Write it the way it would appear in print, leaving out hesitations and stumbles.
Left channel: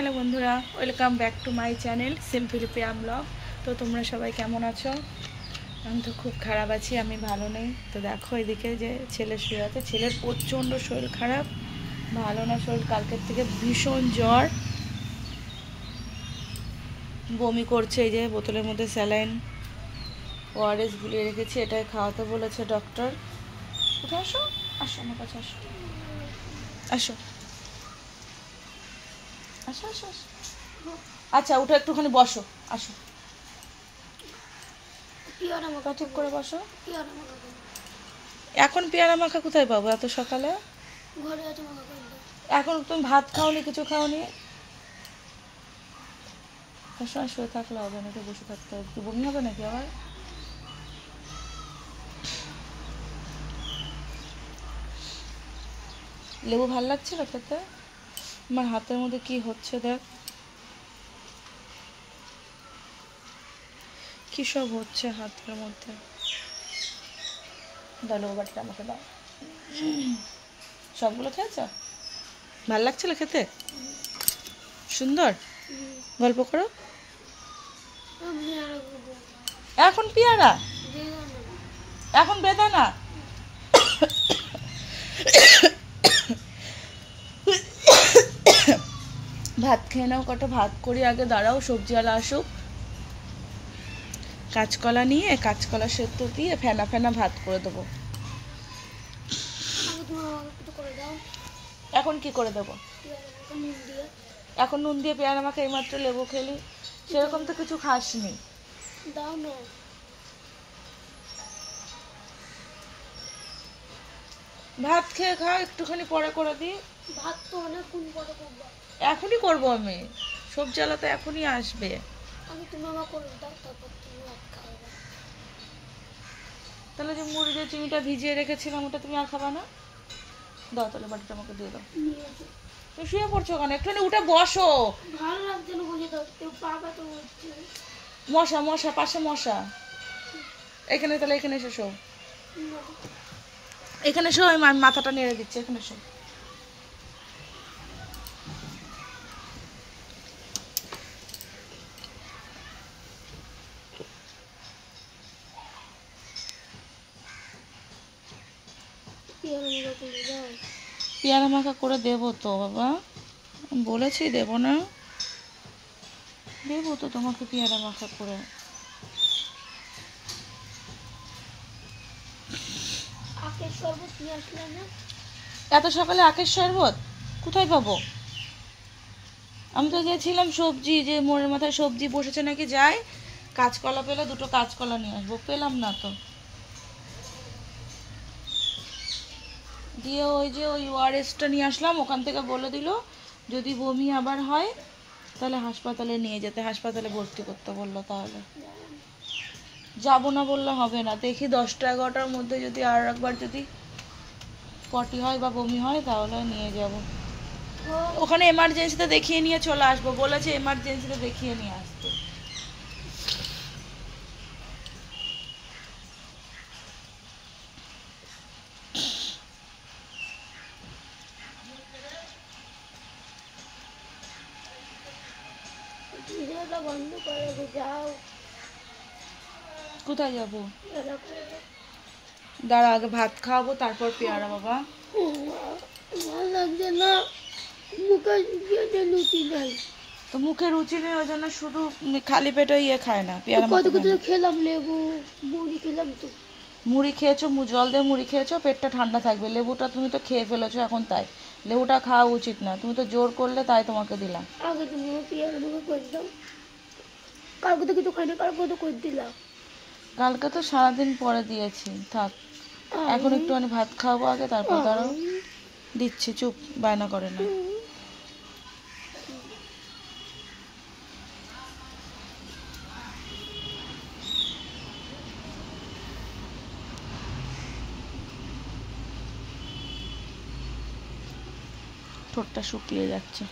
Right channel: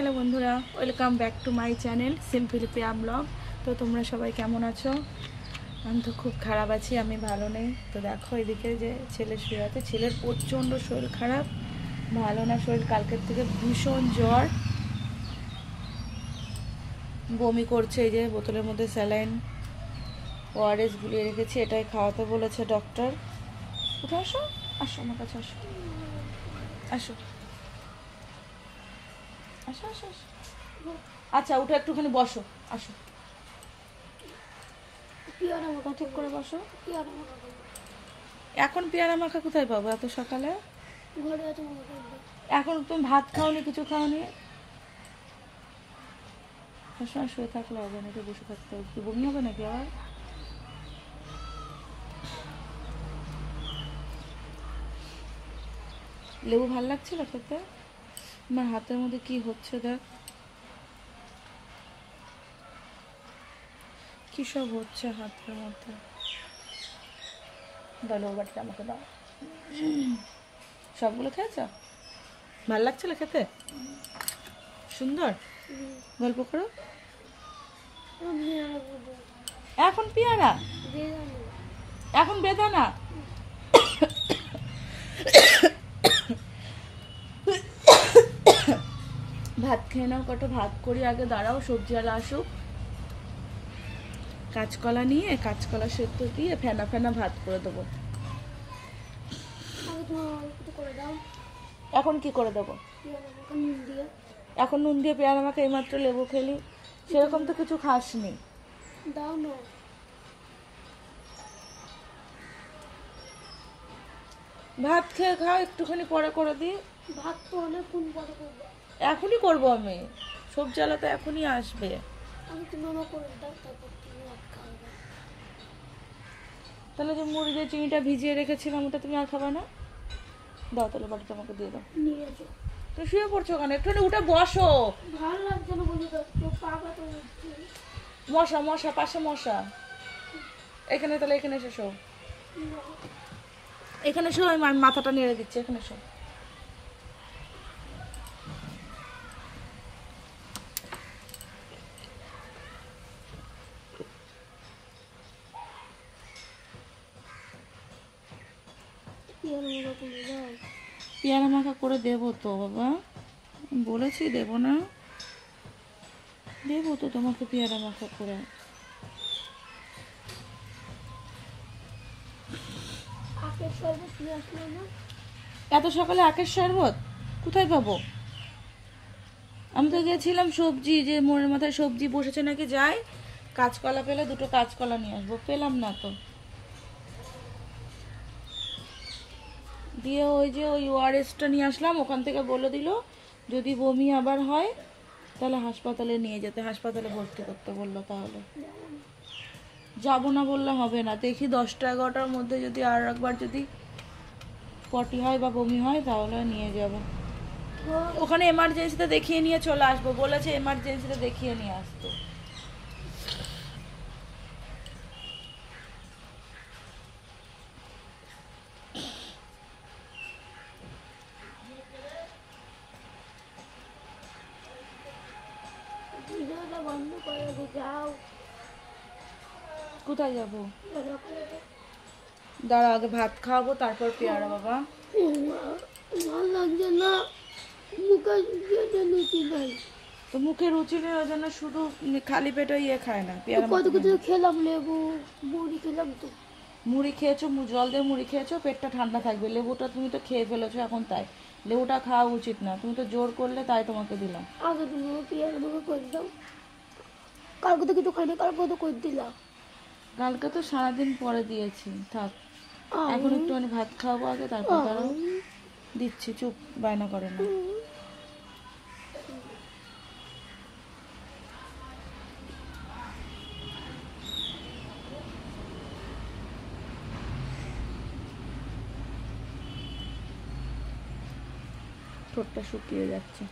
Hello বন্ধুরা, welcome back to my channel simple Priya blog. তো তোমরা সবাই কেমন আছো? আমি তো খুব খারাপ আছি, আমি ভালো নেই। তো দেখো এদিকে যে ছেলে শুয়ে আছে, ছেলের প্রচণ্ড শরীর খারাপ, ভালো না শরীর। কালকের থেকে ভীষণ জ্বর, বমি করছে। এই যে বোতলের মধ্যে স্যালাইন ওআরএস গুলিয়ে রেখেছি, এটাই খাওয়াতে বলেছে ডক্টর। উঠে আসো, আসো আমার কাছে, আসো আসো আসো আসো আসো। আচ্ছা উঠে একটুখানি বসো, আসো চুপ করে বসো। এখন পেয়ারা মাখা কোথায় পাবো এত সকালে? এখন তুমি ভাত খাওনি, কিছু খাওনি। সবসময় শুয়ে থাকলে হবে নাকি, বসে থাকতে হবে? কি বমি হবে নাকি আবার? লেবু ভাল লাগছিল খেতে? আমার হাতের মধ্যে কি হচ্ছে দেখ, কি সব হচ্ছে হাতের মধ্যে। দাও লেবু বাটিটা আমাকে দাও। সবগুলো খেয়েছ? ভাল লাগছিল খেতে? সুন্দর। গল্প করো। এখন পেয়ারা, এখন বেদানা। ভাত খেয়ে নাও, কত ভাত করি আগে, দাঁড়াও সবজিওয়ালা আসুক। কাঁচকলা নিয়ে কাঁচকলা সেদ্ধ দিয়ে ফেনা ফেনা ভাত করে দেবো। এখন কি করে দেবো? এখন নুন দিয়ে পেয়ারা মাখা, এইমাত্র লেবু খেলি, সেরকম তো কিছু খাসনি। দাও না, ভাত খেয়ে খাও, একটুখানি পরে করে দিই। ভাত তো অনেকক্ষণ পরে করবো। এখনই করবো আমি, সবজি আলা তো এখনই আসবে। আমি তো মামা করে দাও, তারপর তুমি ভাত খাবে। তাহলে যে মুড়ি দিয়ে চিনিটা ভিজিয়ে রেখেছিলাম, ওটা তুমি আর খাবা না? দাও তাহলে বাটিটা আমাকে দিয়ে দাও। তুমি শুয়ে পড়ছো কেন? একটুখানি উঠে বসো। ভালো লাগছে না বলি তো, কেউ পাবে তো বলছে। মশা মশা, পাশে মশা। এখানে তাহলে এখানে এসে শো, এখানে শো, আমি মাথাটা নেড়ে দিচ্ছি, এখানে শো। পেয়ারা মাখা করে দেবো তো বাবা, বলেছি দেবো না? দেবো তো তোমাকে পেয়ারা মাখা করে। আখের শরবত নিয়ে আসলে না? এত সকালে আখের শরবত কোথায় পাবো? আমি তো গেছিলাম সবজি, যে মোড়ের মাথায় সবজি বসেছে নাকি, যাই কাঁচকলা পেলে দুটো কাঁচকলা নিয়ে আসবো, পেলাম না তো। দিয়ে ওই যে ওই ওআরএসটা নিয়ে আসলাম, ওখান থেকে বলে দিল যদি বমি আবার হয় তাহলে হাসপাতালে নিয়ে যেতে, হাসপাতালে ভর্তি করতে বললো। তাহলে যাবো না বললে হবে না, দেখি 10টা 11টার মধ্যে যদি আর একবার যদি পটি হয় বা বমি হয় তাহলে নিয়ে যাব। ওখানে এমার্জেন্সিতে দেখিয়ে নিয়ে চলে আসবো বলেছে, এমার্জেন্সিতে দেখিয়ে নিয়ে আসতে। বন্ধ করে যাও। কোথায় যাবো? দাঁড়া আগে ভাত খাওয়াবো, তারপর পেয়ারা। বাবা ভালো লাগছে না, মুখে রুচি নাই। তো মুখে রুচি নেই, ওই জন্য শুধু খালি পেটে ইয়ে খায় না, পেয়ারা কত কিছু খেলাম, লেবু মুড়ি খেলাম। তো মুড়ি খেয়েছো, জল দিয়ে মুড়ি খেয়েছো, পেটটা ঠান্ডা থাকবে। লেবুটা তুমি তো খেয়ে ফেলেছো এখন, তাই লেবুটা খাওয়া উচিত না, তুমি তো জোর করলে তাই তোমাকে দিলাম। আগে তুমি পেয়ারা মাখা করে দাও। কালকে তো কিছু খাই না, কালকে তো করে দিলাম। কালকে তো সারাদিন পরে দিয়েছি, থাক। এখন একটুখানি ভাত খাওয়াবো আগে, তারপর দাঁড়াও দিচ্ছি, চুপ, বায়না করে না। ঠোঁটটা শুকিয়ে যাচ্ছে।